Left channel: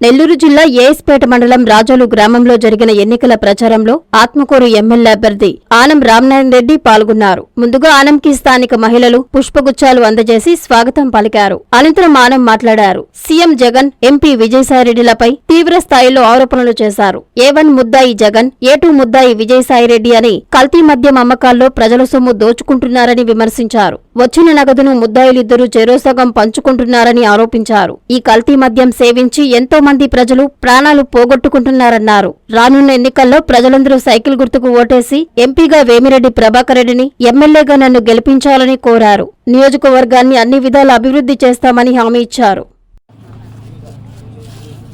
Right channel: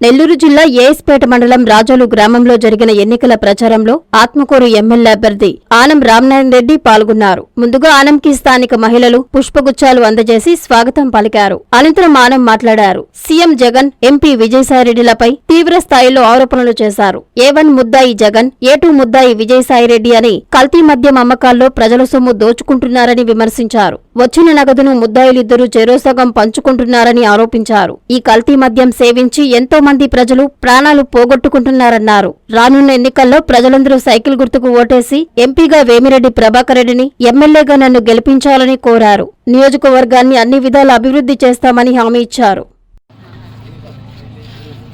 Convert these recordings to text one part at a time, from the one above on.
నెల్లూరు జిల్లా ఏఎస్పేట మండలం రాజోలు గ్రామంలో జరిగిన ఎన్నికల ప్రచారంలో ఆత్మకూరు ఎమ్మెల్యే అభ్యర్థి ఆనం రామనారాయణ రెడ్డి పాల్గొన్నారు. ముందుగా ఆనంకి స్థానిక మహిళలు పుష్పగుచ్చాలు అందజేసి స్వాగతం పలికారు. అనంతరం ఆనం మాట్లాడారు. సీఎం జగన్ ఎంపీ విజయసాయిరెడ్డిలపై తీవ్ర స్థాయిలో ఆరోపణలు చేశారు. ఏ వన్ ముద్దాయి జగన్ ఏ టూ ముద్దాయి విజయసాయిరెడ్డి అని కల్తీ మద్యం అమ్మకాల్లో ప్రజల సొమ్ము దోచుకుంటున్నారని విమర్శించారు. వచ్చిన నగదును ముద్దాయిలిద్దరూ చెరోసగం పంచుకుంటున్నారని ఆరోపించారు. ఈ కల్తీ మద్యం సేవించి ఎంతో మంది ప్రజలు ప్రాణాలు పోగొట్టుకుంటున్నారన్నారు. రానున్న ఎన్నికల్లో ప్రజలందరూ సైకిల్ గుర్తుకు ఓటేసి ఎంపీగా వేమిరెడ్డి ప్రభాకర్ రెడ్డిని ఎమ్మెల్యేగా నన్ను గెలిపించాలని కోరారు. నియోజకవర్గాన్ని అన్ని విధాల అభివృద్ధి చేస్తామని హామీ ఇచ్చారు.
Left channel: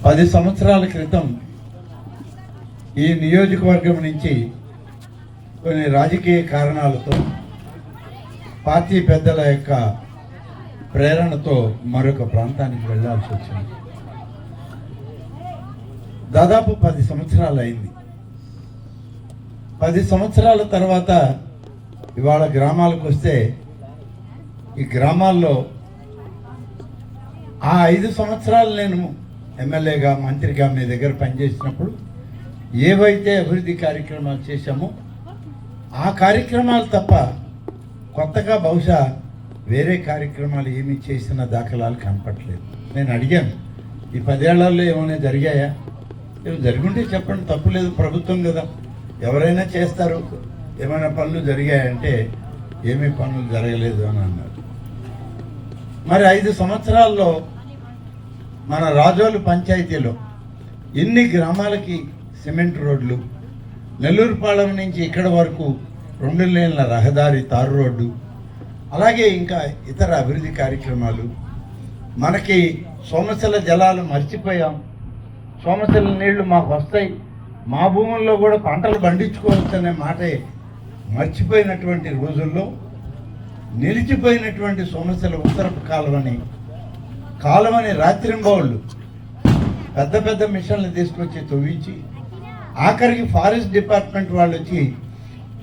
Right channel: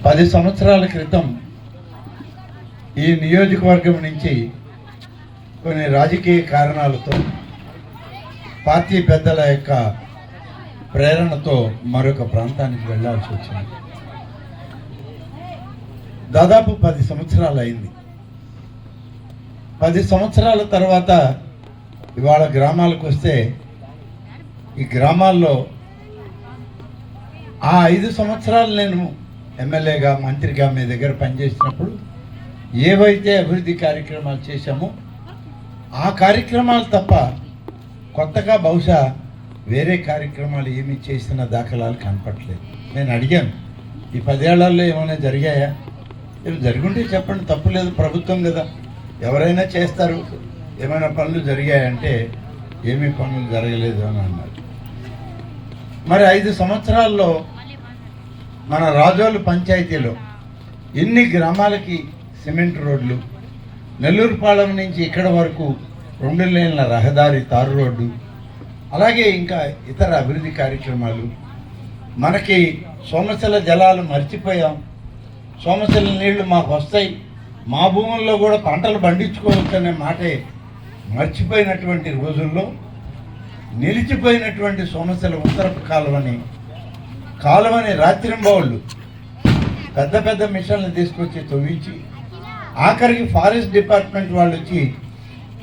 పది సంవత్సరాల క్రితం ఈ నియోజకవర్గం నుంచి కొన్ని రాజకీయ కారణాలతో పార్టీ పెద్దల యొక్క ప్రేరణతో మరొక ప్రాంతానికి వెళ్ళాల్సి వచ్చింది. దాదాపు పది సంవత్సరాలు అయింది. పది సంవత్సరాల తర్వాత ఇవాళ గ్రామాలకు వస్తే ఈ గ్రామాల్లో ఆ ఐదు సంవత్సరాలు నేను ఎమ్మెల్యేగా మంత్రిగా మీ దగ్గర పనిచేసినప్పుడు ఏవైతే అభివృద్ధి కార్యక్రమాలు చేశామో ఆ కార్యక్రమాలు తప్ప కొత్తగా బహుశా వేరే కార్యక్రమాలు ఏమీ చేసిన దాఖలాలు కనపట్లేదు నేను అడిగాను ఈ పదేళ్ళలో ఏమైనా జరిగాయా? ఇవి జరుగుంటే చెప్పండి తప్పులేదు ప్రభుత్వం కదా. ఎవరైనా చేస్తారు. ఏమైనా పనులు జరిగాయంటే ఏమీ పనులు జరగలేదు అని అన్నారు. మరి ఐదు సంవత్సరాల్లో మన రాజోలు పంచాయతీలో ఎన్ని గ్రామాలకి సిమెంట్ రోడ్లు నెల్లూరుపాలెం నుంచి ఇక్కడ వరకు రెండు లేన్ల రహదారి తారు రోడ్డు అలాగే ఇంకా ఇతర అభివృద్ధి కార్యక్రమాలు. మనకి సోమశల జలాలు మర్చిపోయాం. సోమశల నీళ్ళు మాకు వస్తాయి. మా భూముల్లో కూడా పంటలు పండించుకోవచ్చు అనే మాటే మర్చిపోయినటువంటి రోజుల్లో నిలిచిపోయినటువంటి సోమశల ఉత్తరపు కాలువని కాలువని రాత్రింబౌళ్ళు పెద్ద పెద్ద మిషన్లు తీసుకొచ్చి తవ్వించి ఆఖరికి ఫారెస్ట్ డిపార్ట్మెంట్ వాళ్ళు వచ్చి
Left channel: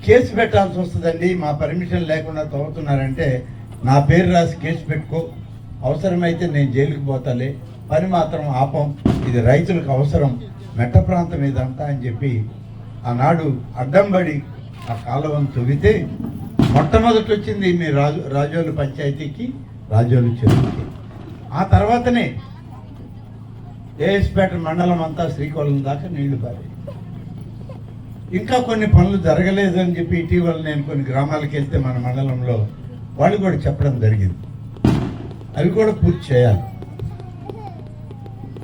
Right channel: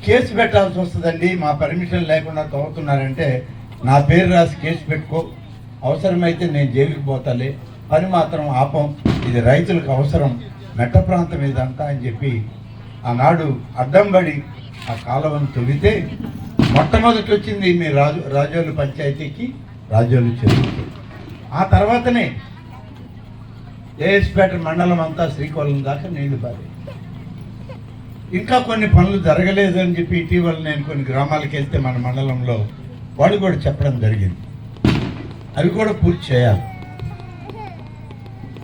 కేసు పెట్టాల్సి వస్తుందండి మా పర్మిషన్ లేకుండా తవ్వుతున్నారంటే నా పేరు రాసి కేసు పెట్టుకో. అవసరమైతే నేను జైలుకి పోతాలే. పని మాత్రం ఆపం. ఇది రైతులకు అవసరం. మెట్ట ప్రాంతం ఇదంతా అని చెప్పి ఆనాడు అడ్డంబడి ఆ కాలువను తొవ్వితే మొట్టమొదటి వచ్చింది మీ రాజు రాజోలు పంచాయతీకి రాజోలు చెరువుకి. ఆ తర్వాతనే ఏఎస్పేట మండలం అంతా శ్రీకాకుళం దాకా నీళ్ళు పారి ఇంకా కొన్ని పనులు జరగలేదు అని చెప్పి ఇటీవల నేను కొన్ని గ్రామాలకు వెళ్తే మన మండలంలో వాళ్ళు కూడా చెప్పడం జరిగింది. అవి కూడా పూర్తి చేయాలి.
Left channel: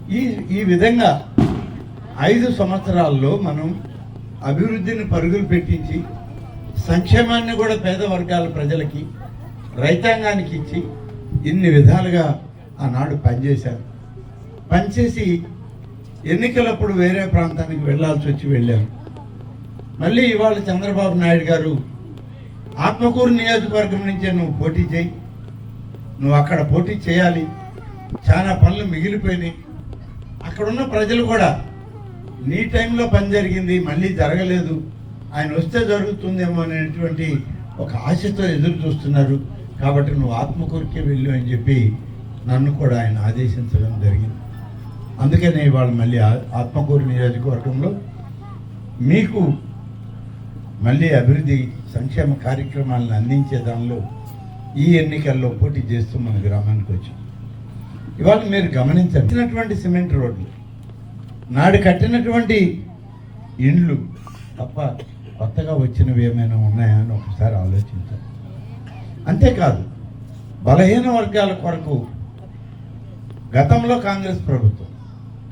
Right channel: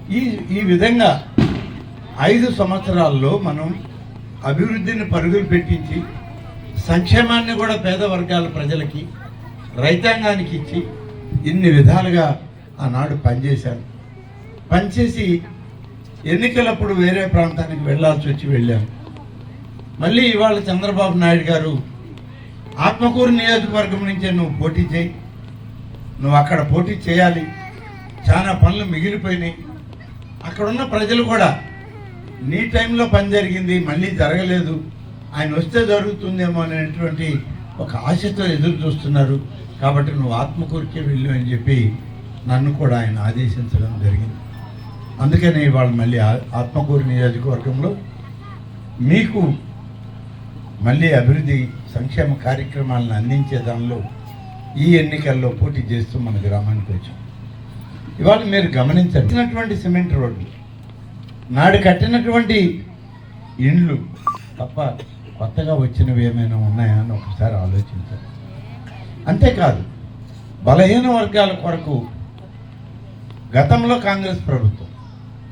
ఈ ఈ విధంగా ఐదు సంవత్సరాల్లో మనం అభివృద్ధిని పరుగులు పెట్టించి సంక్షేమాన్ని కూడా పేద వర్గాల ప్రజలకి రైతాంగానికి ఇచ్చి ఇన్ని విధాలుగా ఆనాడు పనిచేశాను పనిచేసి ఎన్నికలప్పుడు వేరే ప్రాంతానికి వెళ్ళాల్సి వచ్చి వెళ్ళాను మళ్ళీ ఇవాళ చంద్రబాబు నాయుడు గారు ఆత్మకూరు నియోజకవర్గం నుంచే నువ్వు పోటీ చేయి నువ్వు అక్కడ పోటీ చేయాలి చాలా పనులు మిగిలిపోయినాయి. అక్కడున్న ప్రజలు కూడా నీ టైంలో పని జరిగింది మళ్ళీ జరగలేదు ఆయన వస్తే జరుగుతుందేమో అనేటువంటి ఒక ఆశతో ఎదురు చూస్తున్నారు. కాబట్టి నువ్వు ఆత్మకూరుకే వెళ్ళు అని చెప్పి నన్ను కూడా ఆయన ఆదేశించడం జరిగింది. అందుకని ఇవాళ మళ్ళీ ఆ- ఆత్మకూరు నియోజకవర్గంలో మీకు మళ్ళీ అభివృద్ధి సంక్షేమ కార్యక్రమాలను అందించే దానిలో ఈ ఎన్నికల్లో పోటీ చేస్తూ మన గ్రామానికి వచ్చాం. ఇవాళ మీరు గమనించినటువంటి సిమెంట్ రోడ్లు నాడు కట్టినటువంటి ఇండ్లు తప్ప కొత్తగా వచ్చినవి ఏమైనా ఉన్నాయా అని ఒకసారి ఆలోచించారు అంతేకాదు బలహీన వర్గాల కొరకు గతంలో కాంగ్రెస్ ప్రభుత్వం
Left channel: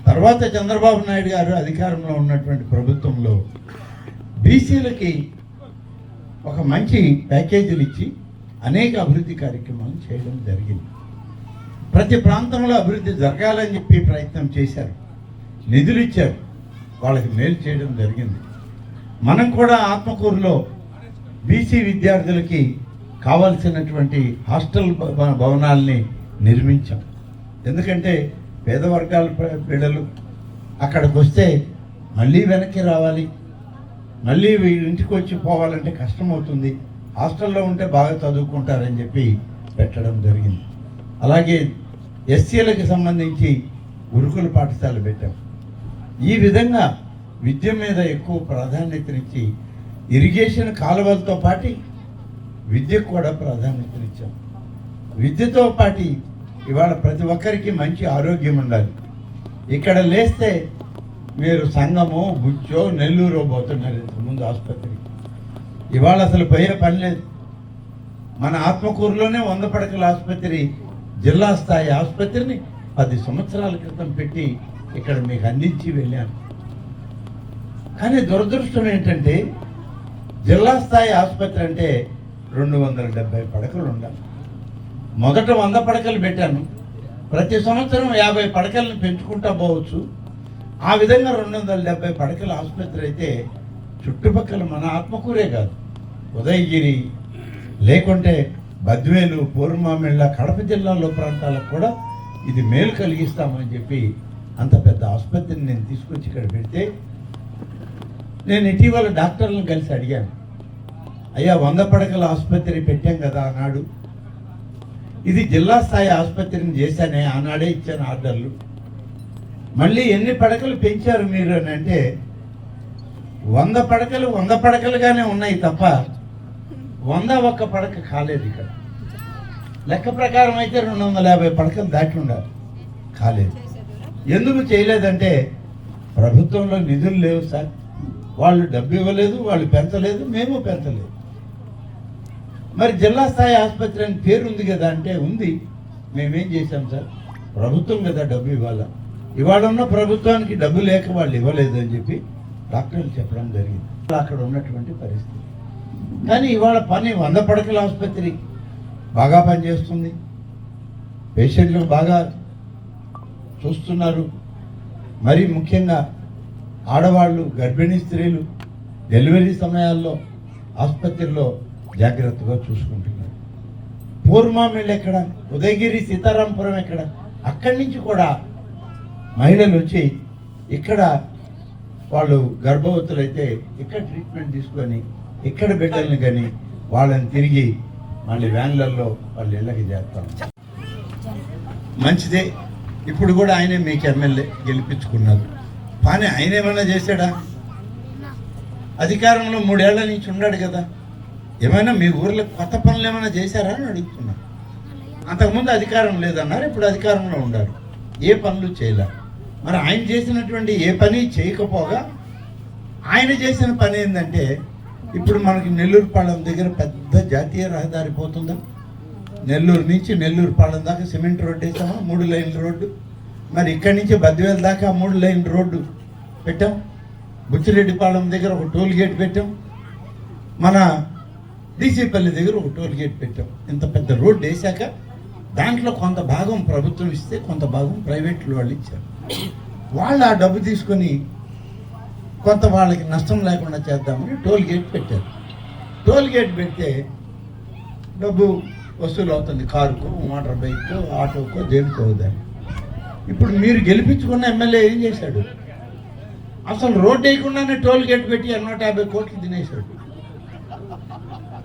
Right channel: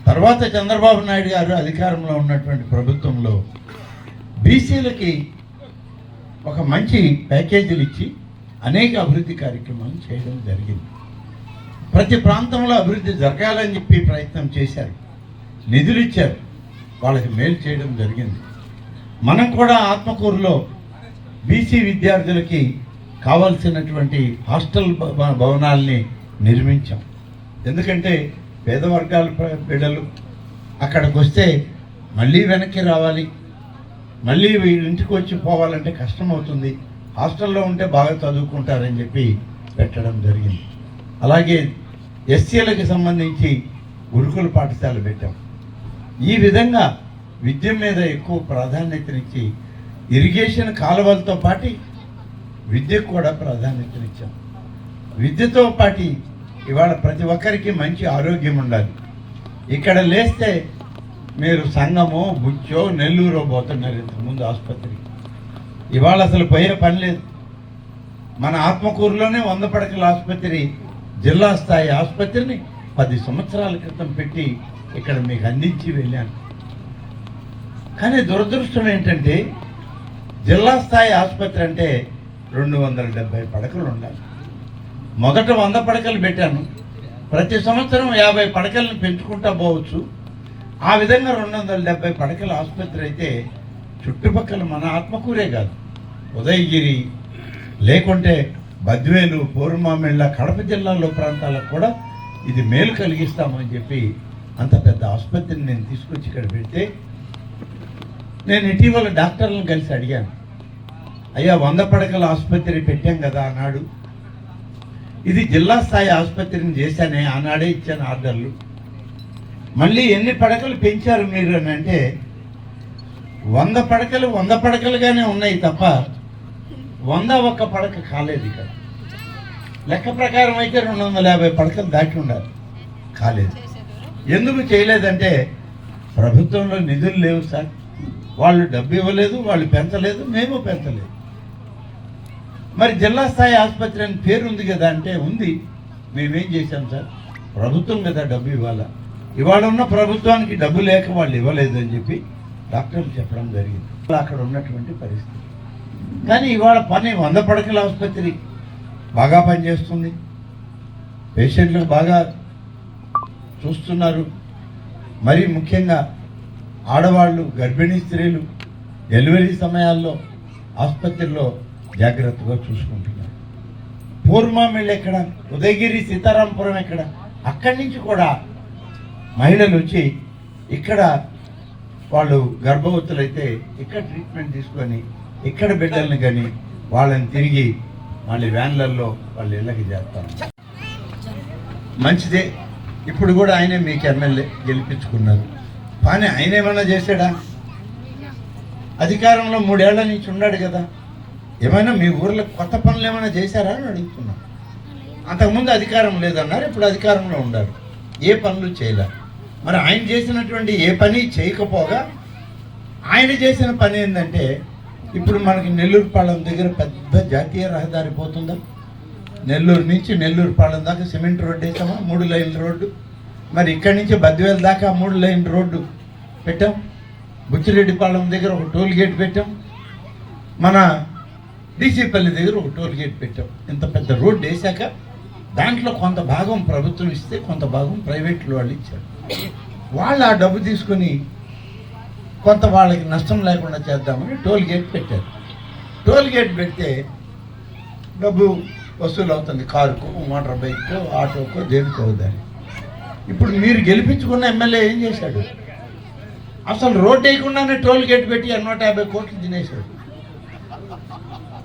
తర్వాత చంద్రబాబు నాయుడు గారు అధికారంలో ఉన్నటువంటి ప్రభుత్వంలో బీసీలకి ఒక మంచి ప్యాకేజీలు ఇచ్చి అనేక అభివృద్ధి కార్యక్రమాలు చేయడం జరిగింది. ప్రతి ప్రాంతంలో అభివృద్ధి జరగాలని చెప్పి ప్రయత్నం చేశారు. నిధులు ఇచ్చారు. వాళ్ళకి మేలు చేయడం జరిగింది. మనం కూడా ఆత్మకూరులో బీసీ విద్యార్థులకి కావాల్సినటువంటి హాస్టల్ భవనాల్ని నిర్మించాం. ఎందుకంటే పేద వర్గాల బిడ్డలు అక్కడికి వస్తే మళ్ళీ వెనక్కి రావాలి. మళ్ళీ వీళ్ళ ఇంటికి వచ్చి పోవాలంటే కష్టం అవుతుంది హాస్టల్లో ఉంటే బాగా చదువుకుంటారని చెప్పి పెట్టడం జరిగింది. అలాగే ఎస్సీలకి సంబంధించి గురుకుల పాఠశాల పెట్టాం. ఈ విధంగా విద్య మీద ఎక్కువ ప్రాధాన్యతనిచ్చి ఇరిగేషన్ కాలువలతో పాటు విద్యకు కూడా ప్రాధాన్యతనిచ్చాం. విద్యతో పాటు ఇవాళ ప్రతి ఒక్కరికి మంచి ఆరోగ్యం ఉండాలి. ఇక్కడ లేస్తే మీరు సంగమో బుచ్చో నెల్లూరు పోతున్నారు ఇంతకుముందు ఆసుపత్రికి. ఇవాళ అసలు పోయే పని లేదు. మన ఆత్మకూరులోనే వంద పడకల ఆసుపత్రి జిల్లా స్థాయి ఆసుపత్రిని పది సంవత్సరాల క్రితం పెట్టి ఇక్కడ మీకు అందించి వెళ్ళాను. కానీ దురదృష్టం ఏంటంటే జిల్లా స్థాయి ఆసుపత్రి అంటే రెండు వందల డెబ్బై పడకలు ఉండాలి. మొదట వంద పడకలు పెట్టాను. ప్రతి సంవత్సరం యాభై పడకలను పెంచుకుంటా పోవచ్చు. ఆ విధంగా రెండు వందల డెబ్బై పడకల ఆసుపత్రి అయితే చుట్టుపక్కల మన ఆత్మకూరే కాదు. ఉదయగిరి లేకుంటే బద్వేలు పూర్వమామిళ్ళ కడప జిల్లాలో ప్రాంతాలకు కూడా ఇది మేలు కలిగిస్తామని చెప్పి అంత పెద్ద ఆసుపత్రిని నేను తీసుకొచ్చి ఇక్కడ పెడితే నేను ఇటీవల డాక్టర్లను కలిసి అడిగాను. అయ్యా వంద పడకల ఆసుపత్రి పెట్టాం కదా అన్నాడు ఇది జిల్లా స్థాయి ఆసుపత్రిని చేశానే ఆనాడే ఇచ్చాను ఆర్డర్లు. మళ్ళీ ఎన్ని పడకలు పెంచారు మీరు అని అంటే వంద పడకలు వంద పడకలుగానే ఉన్నాయి తప్ప వంద ఒక్క పడక కాలేదు ఇక్కడ. లెక్క ప్రకారం అయితే రెండు వందల యాభై పడకలు దాటి ఉండాలి. కాలేదు. ఎందుకు చేయలేదంటే ప్రభుత్వంలో నిధులు లేవు సార్. వాళ్ళు డబ్బు ఇవ్వలేదు వాళ్ళు పెంచలేదు మేము పెంచలేదు. మరి జిల్లా స్థాయి ఆసుపత్రి అని పేరు ఉంది కదా అంటే ఉంది. మేమేం చేశాం సార్? ప్రభుత్వం కదా డబ్బు ఇవ్వాలా. ఇవాళ ఉన్న ప్రభుత్వానికి డబ్బు లేక వాళ్ళు ఇవ్వలేదు అని చెప్పి డాక్టర్లు చెప్పడం జరిగింది. అక్కడ ఉన్నటువంటి పరిస్థితి. కానీ ఇవాళ పని వంద పడకల ఆసుపత్రి బాగా పనిచేస్తుంది. పేషెంట్లు బాగా చూస్తున్నారు. మరి ముఖ్యంగా ఆడవాళ్ళు గర్భిణీ స్త్రీలు డెలివరీ సమయాల్లో ఆసుపత్రిలో జాగ్రత్తగా చూసుకుంటున్నారు. పూర్మామిళ్ళు ఎక్కడ? ఉదయగిరి సీతారాంపురం ఎక్కడ? అక్కడి నుంచి కూడా మహిళలు వచ్చి ఇక్కడ వాళ్ళు గర్భవతులైతే ఇక్కడ ట్రీట్మెంట్ తీసుకొని ఇక్కడ బిడ్డల్ని కానీ వాళ్ళని తిరిగి మళ్ళీ వ్యాన్లలో వాళ్ళు ఇళ్ళకి చేస్తాం మంచిదే. ఇప్పుడు కూడా ఆయనే మీకు ఎమ్మెల్యే గెలిపించుకున్నారు. కానీ ఆయన ఏమైనా చేశాడా? అధికారంలో మూడేళ్ళ నుంచి ఉన్నాడు కదా. ఏమైనా మీ ఊర్లో కొత్త పనులు ఏమైనా చేశారా అని అడుగుతున్నా. అంతకుముందు అధికారం లేదన్నారు ఇప్పుడు అధికారంలో ఉండాలి ఏ పనులు చేయలే. మరి ఆయన చేసినటువంటి ఏ పని చేయకపోగా ఆయన చేసిన పని ఏంటంటే ఇప్పుడు మనకి నెల్లూరుపాలెం దగ్గర పెద్ద జాతీయ రహదారి పోతుందా? నెల్లూరు నుంచి నెల్లూరుపాలెం దాకా సిమెంట్ రోడ్డు వేసామా? మూడు లైన్ల రోడ్డు. మరి ఇక్కడి నుంచి బద్దివేల దాకా మూడు లైన్ రోడ్డు పెట్టాం. బుచ్చిరెడ్డిపాలెం దగ్గర ఒక టోల్ గేట్ పెట్టాం. మన డీసీపల్లి దగ్గర ఒక టోల్ గేట్ పెట్టాం. ఇంత పెద్ద రోడ్డు వేసాక దాంట్లో కొంత భాగం ప్రభుత్వం ఇస్తే కొంత భాగం ప్రైవేట్లు వాళ్ళు ఇచ్చారు. వాళ్ళు ఆ డబ్బు తీసుకొని కొంత వాళ్ళకి నష్టం లేకుండా చేద్దామని టోల్ గేట్ పెట్టారు. టోల్ గేట్ పెడితే డబ్బు వసూలు అవుతుంది కారుకు మోటార్ బైక్కు ఆటోకు దేనికో దాన్ని ఇప్పుడు మీరు గెలిపించుకున్న ఎమ్మెల్యే ఏం చేశాడు? అసలు రోడ్ వేయకుండానే టోల్ గేట్ పెట్టి నూట యాభై కోట్లు తినేశాడు.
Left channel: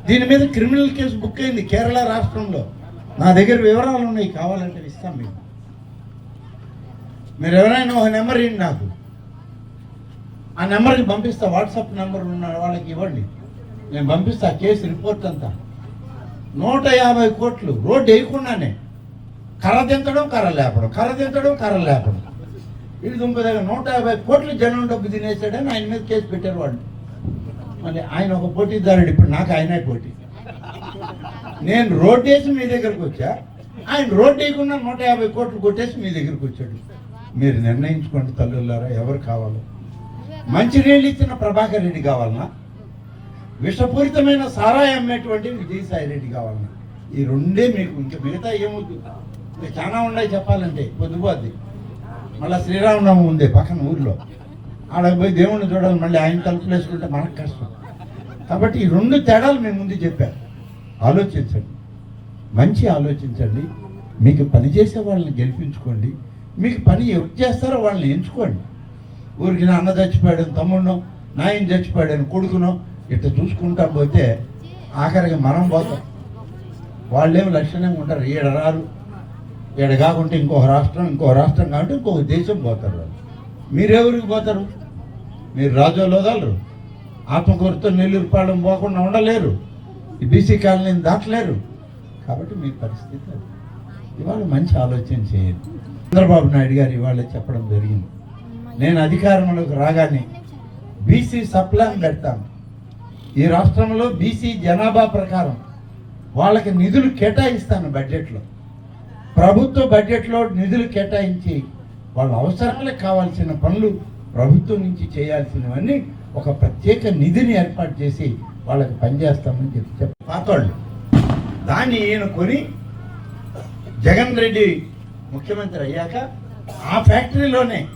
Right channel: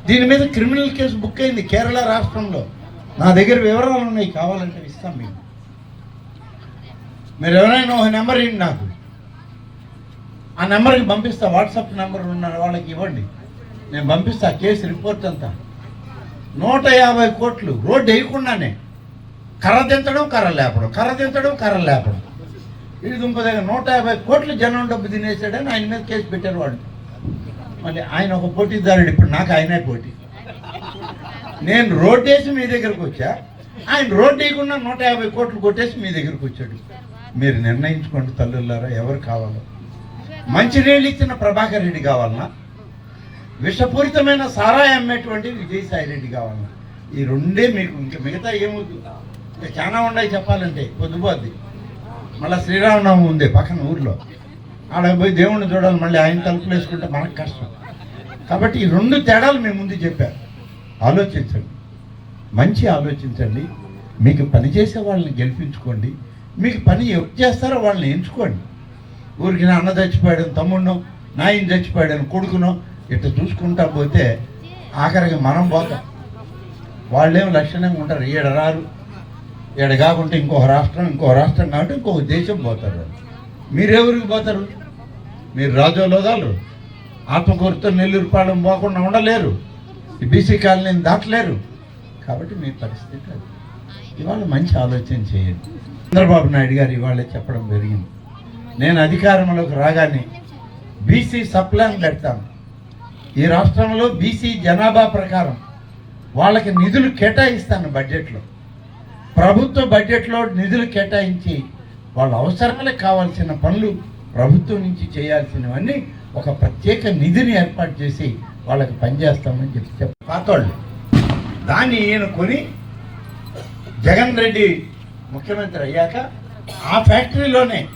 దీని మీద క్రిమినల్ కేసు బుక్ అయింది కేరళ రాష్ట్రంలో. నా దగ్గర వివరాలు ఉన్నాయి కావాలంటే ఇస్తాం మేము మీరు ఎవరైనా ఒక నెంబర్ ఇవ్వండి నాకు. ఆ నెంబర్కి పంపిస్తా వాట్సాప్ నెంబర్ ఉన్న వాళ్ళకి ఇవ్వండి. నేను పంపిస్తా కేసు రిపోర్ట్ అంతా. నూట యాభై కోట్లు రోడ్డు వేయకుండానే. కర్ర దించడం కర్ర లేపడం. కర్ర దించడం కర్ర లేపడం. ఇది ఇంకో దగ్గర నూట యాభై కోట్లు జనం డబ్బు తినేసాడని ఆయన మీద కేసు పెట్టారు వాళ్ళు. మళ్ళీ ఆయన ఒక పోటీదారుడు ఇప్పుడు నాకు ఆయనే పోటీ. నేను రోడ్డు వేసి మీ దగ్గరకు వచ్చా? ఆయన రోడ్డు వేయకుండా నూట యాభై కోట్లు కొట్టేసి మీ దగ్గరకు వచ్చాడు. మీరు నిర్ణయించుకోండి తల్లులారా ఎవరు కావాలో. మంచినీళ్ళు ఇచ్చిన ప్రభాకర్ రెడ్డి కావాలన్నా విషపూరితమైన సారాయి అమ్మేటువంటి విజయసాయి రెడ్డి కావాలన్నా ఈ రెండే మీకు ఇంకా మిగతా ఏమవుతుంది ఇంకా చాలా ఉన్నాయి చెప్పాలంటే. పొద్దుపోద్ది మళ్ళీ శ్రీరామనవమి ఉంది పక్కన ఊర్లో. ఆడ పోయి దేవుణ్ణి చూడాలి మళ్ళీ ఆయన తలుపులు వేసుకుంటే మనకు కష్టం. కాబట్టి ఈ రెండు తేడాలు మేము ముందు చెప్పారు ఆలోచించండి. మంచి ఆలోచించండి. మీకు పని చేసే వాళ్ళని గెలిపించుకోండి. మీకు పని ఎవరు చేస్తారో వాళ్ళని ఎంచుకోండి. ఊరికి అన్న చచ్చిపోయాడని తమ్ముడినో నాయన చచ్చిపోయాడని కొడుకునో ఇట్లా చూసుకుంటా పోతే ఆఖరికి మనం పోతాం. వాళ్ళేం లక్షణంగా ఉంటారు ఈడ రారు. ఈడ కాకుంటే ఇంకొక రాష్ట్రం ఇంకొక రాష్ట్రం కాబట్టి ఇంకొక దేశం పోతారు. మీరెవరికి పోతారు? మీరు రాజోలోదాలు ఆత్మకూరుతో నెల్లూరు పాలెం పోకుండా ఉండలేరు. ఈ బీసీ కాలనీని దాటలేరు. కాబట్టి మీ పరిస్థితి ఇవాళ మంచి ఆలోచన చేయండి. చంద్రబాబు నాయుడు గారు ఇవాళ చెప్పడం జరిగింది. నేను అధికారంలోకి రాగానే బీసీ సప్లాన్ పెడతాను ఈ రాష్ట్రంలో బీసీ జనాభా ప్రకారం వాళ్ళకి నిధులు కేటాయిస్తాను బడ్జెట్లో. ప్రభుత్వ బడ్జెట్లో నిధులు కేటాయించి వాళ్ళ అవసరాలకు కావాల్సిన పనులు ప్రభుత్వం నుంచి చేయాల్సినవన్నీ ఒక ప్రత్యేక నిధిని ఏర్పాటు చేసి వాళ్ళకి పనిచేస్తామని చెప్పి పాతోళ్ళు దాన్ని ఈయన కొని జగన్ రెడ్డి ముఖ్యమంత్రి అయ్యాక ఆ ఫ్యాక్టరీలోనే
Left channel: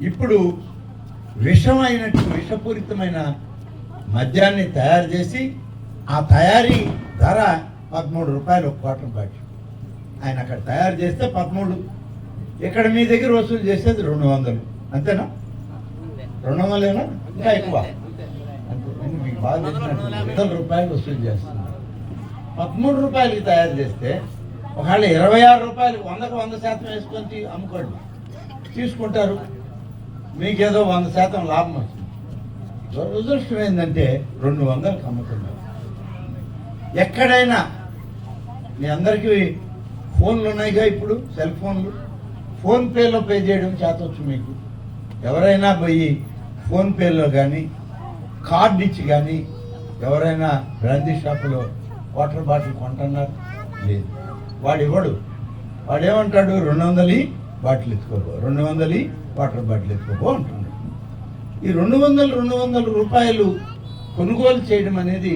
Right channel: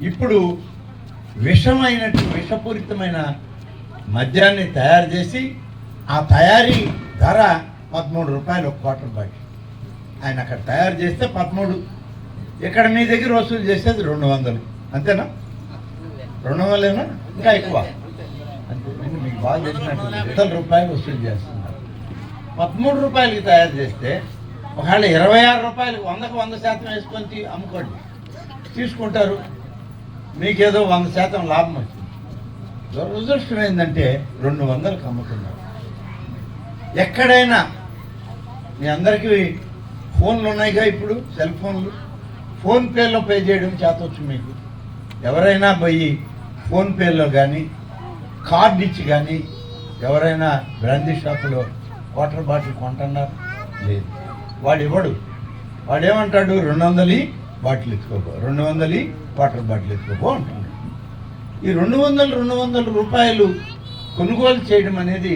ఇప్పుడు విషమైనట్టు విషపూరితమైన మద్యాన్ని తయారు చేసి ఆ తయారీ ధర పదమూడు రూపాయలు ఒక క్వార్టర్ బాటిల్ ఆయన అక్కడ తయారు చేస్తే పదమూడు. ఇక్కడ మీ దగ్గర వసూలు చేసేది రెండు వందలు. అంతేనా? రెండు వందలేనా? ఇంకా ఎక్కువ. అంతే. మీకు బాగా వందల రూపాయలు వసూలు చేస్తున్నారు. పదమూడు రూపాయలకి తయారు చేస్తే ఒకవేళ ఇరవై ఆరు రూపాయలు వందకు వంద శాతం వేసుకొని అమ్ముకోండి. తీసుకుంటారు. మీకేదో వంద శాతం లాభం వచ్చింది. దురదృష్టం ఏంటంటే రెండు వందలకు అమ్ముతున్నారు ఎక్కడైనా మీ అందరికీ ఫోన్లు ఉన్నాయిగా ఇప్పుడు? సెల్ ఫోన్లు? ఫోన్పేలో పే చేయడం చేతవచ్చు మీకు. ఎవరైనా పోయి ఫోన్పేలో కానీ కార్డు ఇచ్చి కానీ ఎవరైనా బ్రాందీ షాపులో వాటర్ బాటిల్ కొంటున్నారు? లేదు. వాడు ఇవ్వడు. వాడు ఏమంటాడు రెండు వందలు బాటిల్ ఇచ్చుకోబో రెండు వందలు వాటర్ బాటిల్ ఎత్తుకో అంటున్నాడు ఈ రెండు వందలు రెండు వందల రూపాయలు కొనుగోలు చేయడం అనేది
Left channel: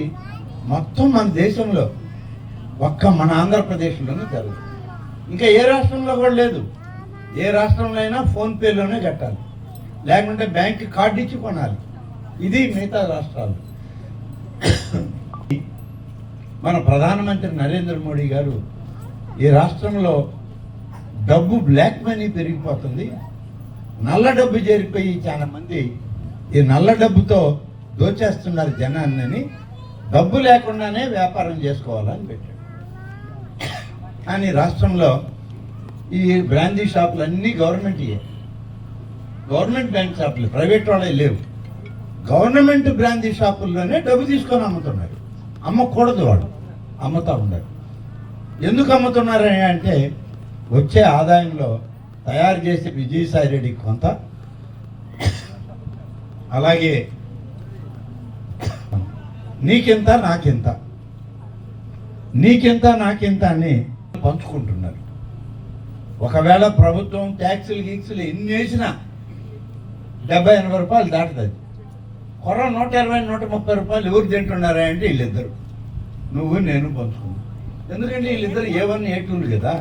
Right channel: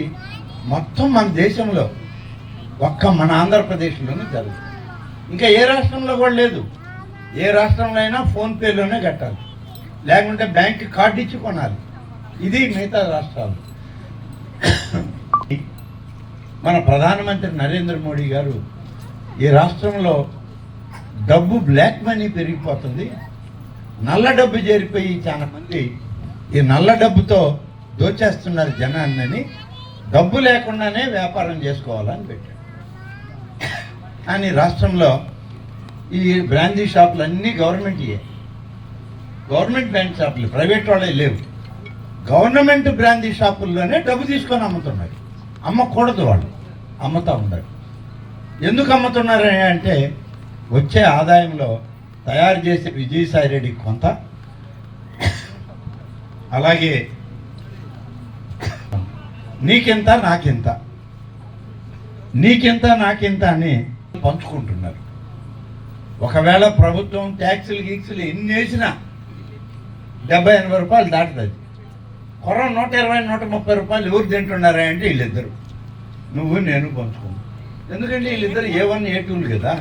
మొత్తం మన దేశంలో ఒక్క మన ఆంధ్రప్రదేశ్లోనే జరుగుతుంది. ఇంకా ఏ రాష్ట్రంలో కూడా లేదు. ఏ రాష్ట్రంలో అయినా ఫోన్పేలోనే కట్టాలి. లేకుంటే బ్యాంక్ కార్డు ఇచ్చి కొనాలి. ఇది మిగతా రాష్ట్రాలు. మన ప్రధానమంత్రి నరేంద్ర మోడీ గారు ఈ రాష్ట్రంలో డబ్బు బ్లాక్ మనీ పెరిగిపోతుంది. నల్ల డబ్బు చేరిపోయి చాలా మంది ఈ నల్ల డబ్బుతో దోచేస్తున్నారు జనాన్ని. డబ్బు లేకుండానే వ్యాపారం చేసుకోవాలని పెట్టాడు. కానీ రాష్ట్రంలో ఈ బ్రాందీ షాపులు అన్నీ గవర్నమెంట్ గవర్నమెంట్ బ్రాండ్ షాపులు ప్రైవేట్ వాళ్ళే లేవు. గవర్నమెంట్ బ్రాందీ షాపుల్లోనే డబ్బు తీసుకొని అమ్ముతున్నారు. అమ్మకూడదు వాళ్ళు. అమ్ముతా ఉన్నారు ఎందుకు అమ్ముతున్నారు అంటే వచ్చే ఆదాయంలో తయారు చేసే విజయసాయి రెడ్డి కొంత. అలాగే నీకింత నాకింత? నీకింత నాకింత అని పంచుకుంటున్నారు. ఒకవేళ ప్రభుత్వం ట్యాక్సులు గీక్సులు ఎన్ని వేసినా డెబ్బై ఎనభై రూపాయలు దాటుతుంది కొర నూట ఇరవై నూట ముప్పై రూపాయలు ఎవరు తింటున్నారా అంటే వీళ్ళిద్దరు. నువ్వు నేను పంచుకున్నావు ఎందుకంటే వీళ్ళిద్దరు ఏ వన్ ఏ టూలు కదా.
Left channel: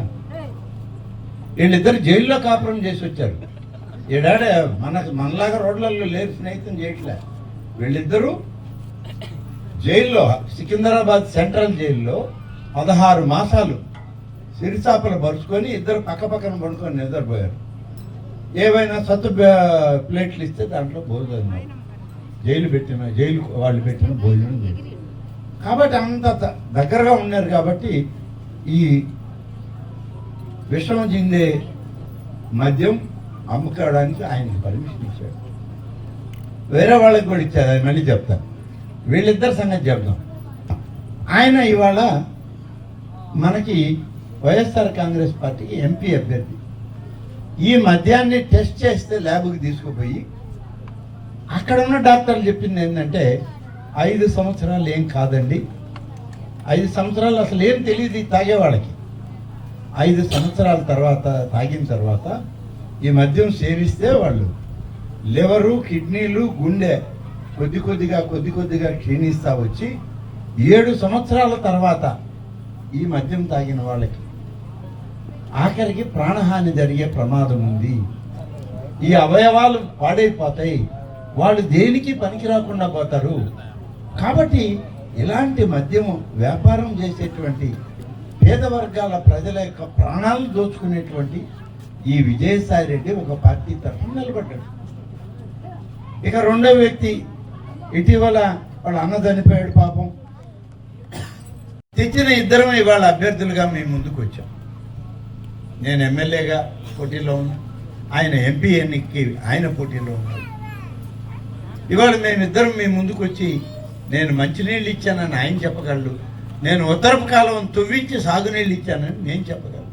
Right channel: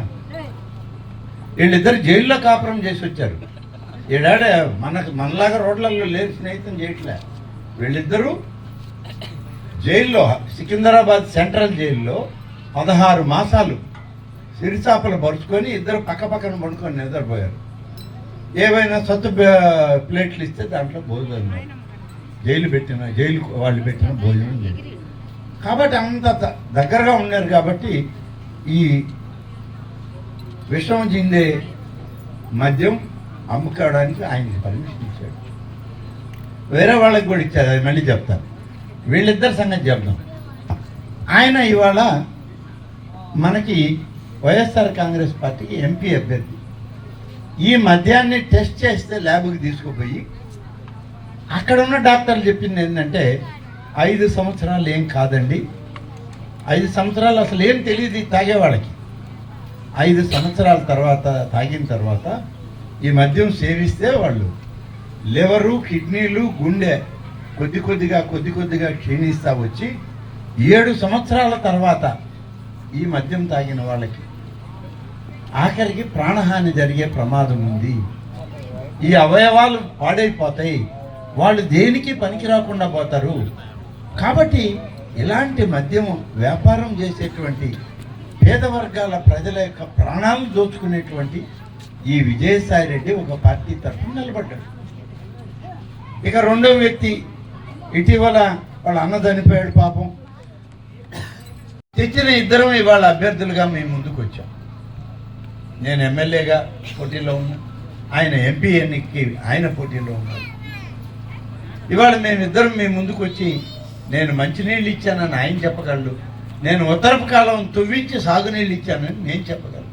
వీళ్ళిద్దరు జైల్లో కాపురం చేసి వచ్చారు. ఈడాడ మనకు మనలాగా రోడ్లలో లేరు స్నేహితం చేయట్లే. వీళ్ళిద్దరూ జైల్లో సికింద్రాబాద్ సెంట్రల్ జైల్లో పదహారు మాసాలు సిరిచాపలు పరుచుకొని ఇద్దరు పక్క పక్కన పడుకొని నిద్రపోయారు. ఏవైనా సత్తు ప్లేట్లు ఇస్తే దాంట్లో భోజనం జైలు పెట్టిన జైలు వాళ్ళు పెట్టిన భోజనం కాబట్టి అంత దగ్గరగా ఉన్నారు కాబట్టి ఈ విషం జిందే మద్యం అమ్ముకోవడానికి ఆయనకి పర్మిషన్ ఇచ్చాడు. వేరే వాళ్ళకి కూడా ఇచ్చారు అది మళ్ళీ చెప్తాను. వీళ్ళిద్దరి సంగతి చెప్తాం ఆయన ఇవాళ మనకి వైఎస్ఆర్ కాంగ్రెస్ పార్టీకి ఎంపీ అభ్యర్థి. ఈ మద్యాన్ని టెస్ట్ చేస్తే ల్యాబ్కి తీసుకుపోయి అక్కడ ఉన్న డాక్టర్లు చెప్పింది ఏంటంటే ఐదు సంవత్సరాలు ఏం కాదండి. ఐదు సంవత్సరాలు అసలు ఏం తెలియదు తాగేవాళ్ళకి. ఐదు సంవత్సరాల తర్వాత తాగిన తర్వాత ఈ మద్యం సేవిస్తే వాళ్ళు లివరు కిడ్నీలు గుండె కొద్ది కొద్దిగా కొద్ది కొద్దిగా క్షీణిస్తా వచ్చి ఏడు సంవత్సరాల తర్వాత ఈ మద్యం తాగిన వాళ్ళకి ఆఖరికి ప్రాణహాని జరిగే ప్రమాదం ఉంది. ఈ అవయవాలు పాడైపోతాయి. వాళ్ళు దేనికి పనికి రాకుండా పోతారు? కాబట్టి ఇలాంటి మద్యము వ్యాపారం చేసేటువంటి పేద వర్గాల ప్రజల యొక్క ప్రాణాలు దోచుకునేటువంటి ఈ విజయసాయి రెడ్డి ఒక పార్టీ తరఫున నిలబడ్డాడు. ఇక రెండవ వ్యక్తి ఇటీవల వాళ్ళ అన్న చనిపోయాడు పాపం. తెచ్చిన ఇద్దరం ఇవాళ అభ్యర్థులుగా మేము ముందుకు వచ్చాం. నేను ఎమ్మెల్యేగా పోటీలో ఉన్నా ఆయన ఎంపీ ఎన్నికకి ఆయన పోటీలో ఉన్నారు. ఇవాళ మేమిద్దరం మీ ముందుకు వచ్చి నేను మంచినీళ్ళు ఇచ్చానని ఆయన చెప్పగలడు. నేను ఉత్తరపు కాలం తువ్వించి సాగునీళ్ళు ఇచ్చానని నేను చెప్పగలను.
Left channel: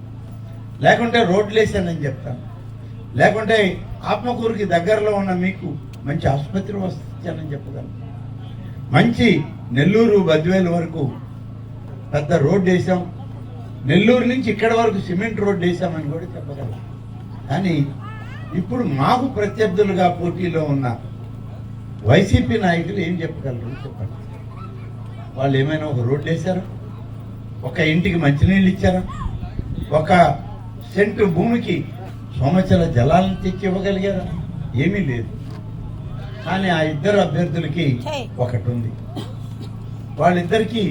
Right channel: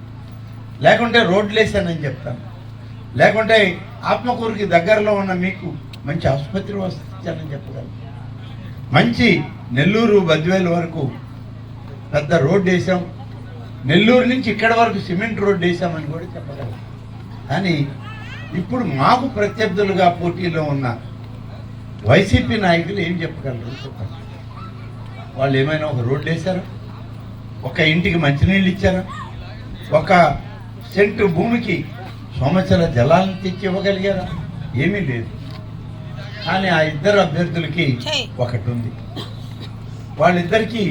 లేకుంటే రోడ్లు వేసానని చెప్తాను. లేకుంటే ఆత్మకూరుకి దగ్గరలో ఉన్న మీకు మంచి ఆసుపత్రి వసతి చెప్పగలను. మంచి నెల్లూరు బద్వేలు వరకు పెద్ద రోడ్డు వేసాం నెల్లూరు నుంచి ఇక్కడ వరకు సిమెంట్ రోడ్డు వేసామని కూడా చెప్పగలం కానీ ఇప్పుడు మాకు ప్రత్యర్థులుగా పోటీలో ఉన్న వైసీపీ నాయకులు ఏం చెప్పగలరు? చెప్పండి. వాళ్ళు ఏమైనా ఒక రోడ్డు వేశారా? ఒక ఇంటికి మంచినీళ్ళు ఇచ్చారా? ఒక సెంటు భూమికి సంవత్సర జలాలను తెచ్చి ఇవ్వగలిగారా? ఏమీ లేదు. కానీ ఆ ఇద్దరు అభ్యర్థులకి ఒకటి ఉంది. వాళ్ళిద్దరికీ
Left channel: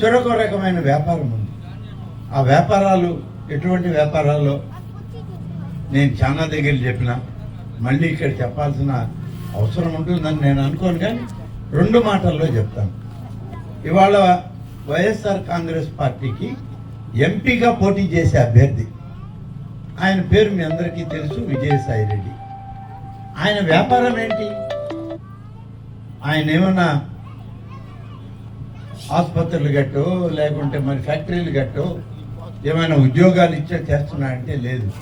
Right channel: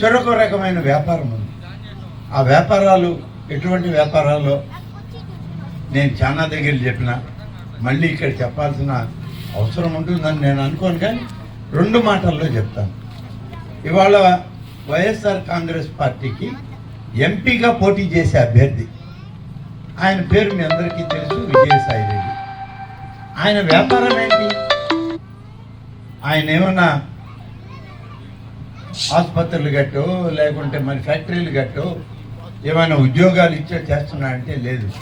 చెరొక రకమైన వ్యాపారం ఉంది. ఆ వ్యాపారాలు ఎటువంటి వ్యాపారాలు నేను చాలా దగ్గర చెప్పిన మళ్ళీ ఇక్కడ చెప్పాల్సిన అవసరం ఉంటుందని నేను అనుకోను కానీ రెండు మాటల్లో చెప్తాను. ఇవాళ వైఎస్ఆర్ కాంగ్రెస్ పార్టీకి ఎంపీగా పోటీ చేసే అభ్యర్థి ఆయన పేరు మీ అందరికీ తెలుసు విజయసాయి రెడ్డి. ఆయన వ్యాపారం ఏంటి? ఆయన ఏమన్నా ఆసుపత్రులు గట్టు లేకుంటే మరి ఫ్యాక్టరీలు గట్టో ఏమైనా ఉద్యోగాలు ఇచ్చే చేస్తున్నాడంటే లేదు.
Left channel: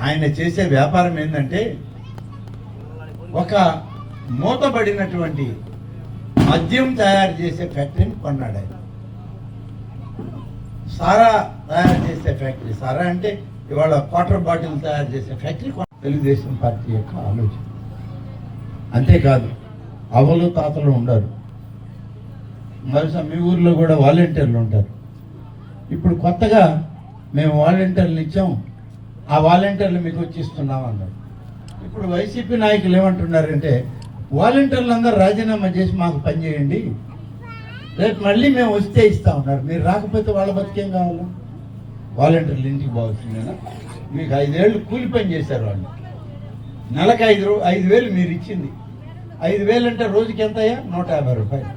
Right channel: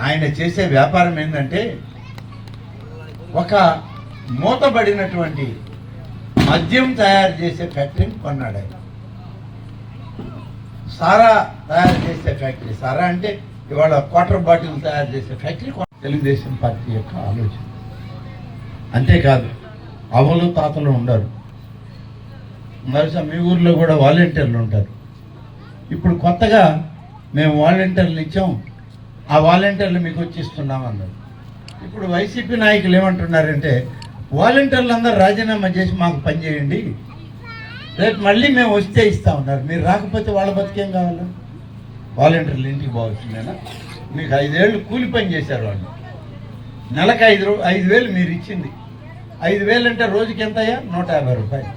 ఆయన చేసే వ్యాపారం ఏంటంటే ఒక మూతబడినటువంటి మద్యం తయారు చేసే ఫ్యాక్టరీని కొన్నాడు ఆయన. సారా తయారు చేసే ఫ్యాక్టరీ. సారా అంటే ఇవాళ వాటర్ బాటిల్ తయారు చేసే ఫ్యాక్టరీ తెలుగుదేశం పార్టీ యొక్క ఆలోచన. అంతేకాదు అవలు తాతలు ఉండరు. బహుశా మీ ఊర్లో కూడా వాలంటీర్లు ఉంటారు. ఇప్పుడు కొత్తగా మేము వాలంటీర్లు ఇచ్చాం ఆ వాలంటీర్లు మీకు వచ్చి ఇస్తున్నాం అన్నారు. ఇప్పుడు వైసీపీ నాయకులు ఏమంటున్నారంటే వాలంటీర్లు అందరూ రాజీనామా చేసి మాకు పనిచేయండి రేపు మళ్ళీ మేము వస్తే ఇస్తా ఉన్నారు. మీరు రాకపోతే వాళ్ళ బతికేం కావాలి? వాలంటీర్లు ఇంటికి పోవచ్చునేనా మీకు ఐదేళ్ళు కూలి పని చేశారు వాళ్ళు. నెలకు ఐదు రూ ఐదు వేలు మీరు ఇచ్చింది. ఐదు వేలు అంటే రోజుకి ఎంత అయ్యా నూట యాభై రూపాయలు.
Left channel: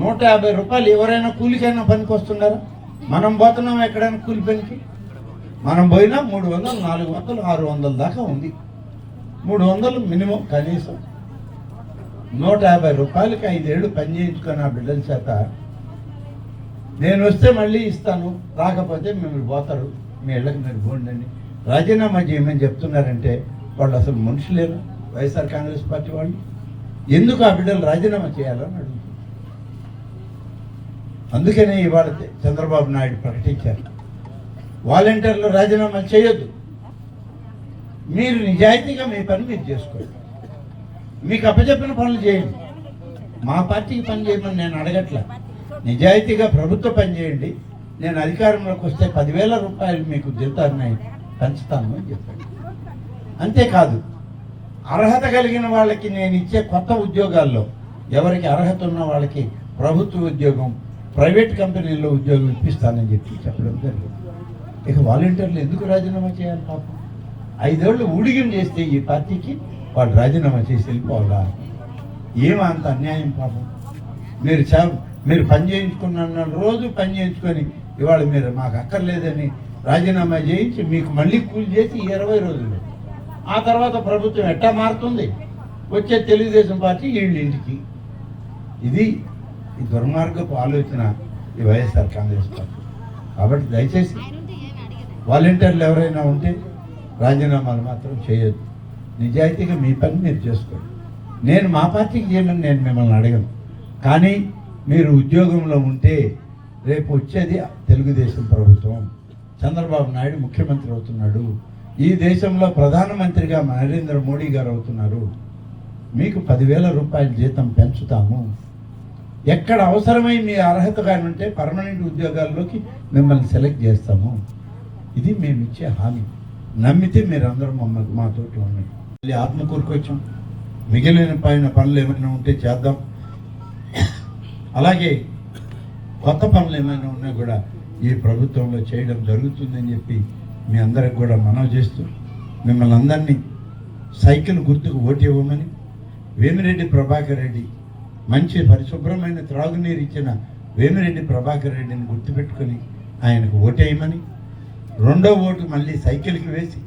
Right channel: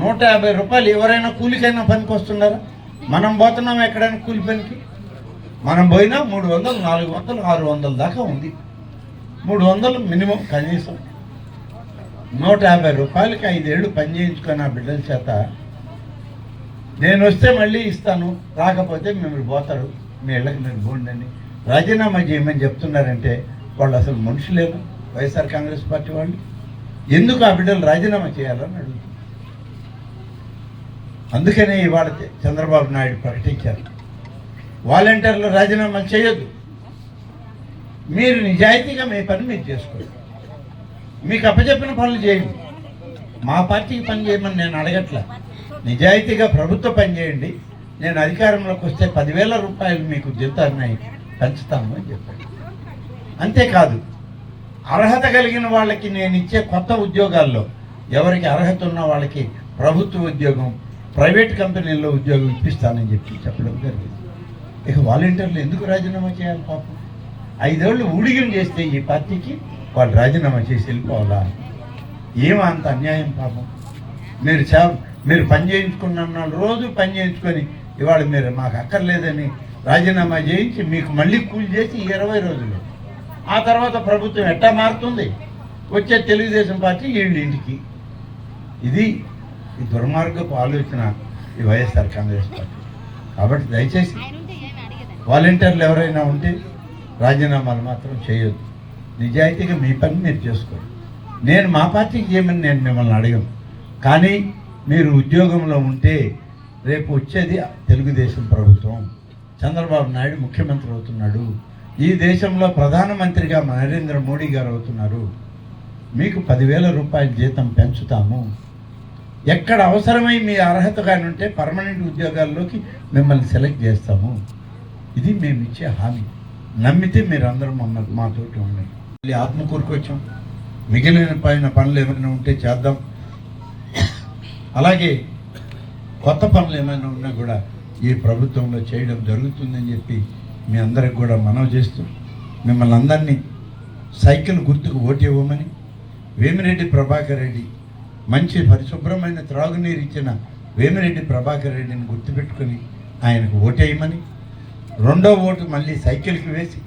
నూట యాభై రూపాయలు ఎవరైనా కూలికైనా పనికి వస్తున్నారా? మనం పోతున్నాం ఎక్కడైనా కూలి పనికి? మనం పోయినా మూడు వందలు నాలుగు వందలు ఆరు వందల దాకా ఉంది. మూడు వందలు మినిమం కనీసం. నూట యాభై రూపాయలకి ఐదేళ్ళు పనిచేయించుకొని ఆ బిడ్డల చేత. నేను వస్తే మళ్ళీ ఇస్తాను రాకపోతే మిమ్మల్ని పోతారు మీ ఇళ్ళకి నేను పోండి రాజీనామా చేయమని చెప్తున్నారంటే వాళ్ళు అసలు మనుషులేరు వైఎస్ఆర్ కాంగ్రెస్ పార్టీ వాళ్ళు. ఎందుకు ఆ బిడ్డలు రాజీనామా చేయాలని అడుగుతున్నారు? అందుకనే ఇవాళ చంద్రబాబు నాయుడు ప్రకటించారు. వాలంటీర్లు రాజీనామా చేయొద్దు. మీరు నిజాయితీగా మీ పని మీరు చేసుకోండి. మీకు అప్పచెప్పిన పనులు చేయండి. మా పార్టీకి పని చేయమని నేను అడగట్లా. నిజాయితీగా ప్రభుత్వ పని చేయండి. నేను అధికారంలోకి వస్తే పదివేల రూపాయలు మీకు జీతాన్ని పెంచుతాము అని చెప్పాడు. అంతేకాదు అర్హత కలిగిన వాళ్ళకి నేను ఇచ్చే కొత్త ఉద్యోగాల్లో ఎవరికి అర్హత ఉన్న వాళ్ళకి ప్రభుత్వ ఉద్యోగం ప్రైవేట్ కంపెనీల్లో ఉద్యోగం ఇప్పిస్తానని చెప్పి చెప్పడం జరిగింది. ఇక వాలంటీర్లు ఎందుకు రాజీనామా చేయాలి పాపం? ఐదేళ్ళు ఊడిగం చేస్తే ఈ పార్టీకి వాళ్ళు రాజీనామా చేసి వెళ్ళిపోవాలా? ఏమో అంత అన్యాయం పాపం? మీరు చా మీరు పని చేయించుకున్న రోజు పని చేయించుకొని ఇవాళ మీరు మాకు అక్కర్లేదని రాజీనామా చేయించి మీకు మళ్ళీ కూలి చేసి ఇరవై రోజులు. ఆ తర్వాత ప్రభుత్వం ఎట్టా మారుతుంది? వచ్చే తెలుగుదేశం పార్టీ వీళ్ళ ఇంటికి. ఇది ఈ దుర్మార్గపు ఆలోచన ఈ వైఎస్ఆర్ కాంగ్రెస్ పార్టీ. కాబట్టి దయచేసి వాలంటీర్లు ఎవరైనా ఉంటే రాజీనామాలు మాత్రం చేయొద్దు. నిజాయితీగా మీ పని మీరు చేసుకోండి. నేను మా పార్టీకి చేయమని నేను మిమ్మల్ని అడగను. కానీ మీరు ఉద్యోగంలో ఉంటే రేపు వచ్చేది తెలుగుదేశం ప్రభుత్వం. చంద్రబాబు నాయుడు ముఖ్యమంత్రి అవుతున్నాడు. ఈ దేశంలో ప్రధానమంత్రిగా నరేంద్ర మోడీ గారు అవుతున్నారు. మీకు పదివేల రూపాయల జీతం పెంచుతాము. ఎక్కడ అవసరమై మీ అర్హత కానీ ఉంటే పర్మనెంట్ ఉద్యోగాల్లోకి మిమ్మల్ని సెలెక్ట్ చేస్తాము. ఇది మేము ఇచ్చే హామీ. నమ్మితే మీరు అందరూ మమ్మల్ని మాతోటి ఉన్నాయి మళ్ళీ ఆత్మకూరుకు వచ్చాం మిగిలిన పైన పనులు ఏమైనా ఉంటే చేద్దాం. అలాగే కొత్త పనులు ఏమైనా ఉన్నా కూడా ఈ ప్రభుత్వంలో చేయడం జరుగుతుందని చెప్పి మీ అందరికి కూడా మనవి చేస్తూ మిమ్మల్ని అందరినీ సైకిల్ గుర్తుకు ఓటు ఇవ్వమని వేమిరెడ్డి ప్రభాకర్ రెడ్డి మంచి పరిశుభ్రమైన త్రాగునీరు ఇచ్చిన వేమిరెడ్డి ప్రభాకర్ రెడ్డిని గుర్తుపెట్టుకొని ఆయనకు ఓటేయమని రెండో ఓటు మళ్ళీ సైకిల్కి వేసి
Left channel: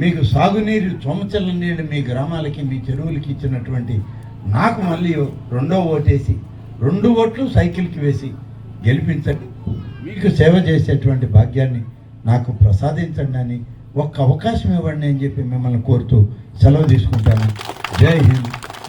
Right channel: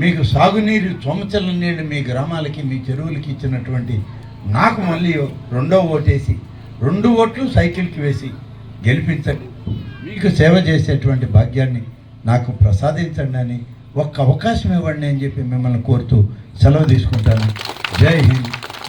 మీకు సాగునీరు చొమచల నీళ్ళు మీ గ్రామాలకి మీ చెరువులకి ఇచ్చినటువంటి నాకు మళ్ళీ రెండో ఓటేసి రెండు ఓట్లు సైకిల్కి వేసి గెలిపించండి. మీకు సేవ చేసేటువంటి భాగ్యాన్ని నాకు ప్రసాదించండి అని ఒక్క అవకాశం ఇవ్వండి అని చెప్పి మిమ్మల్ని కోరుతూ సెలవు తీసుకుంటాను. జై హింద్.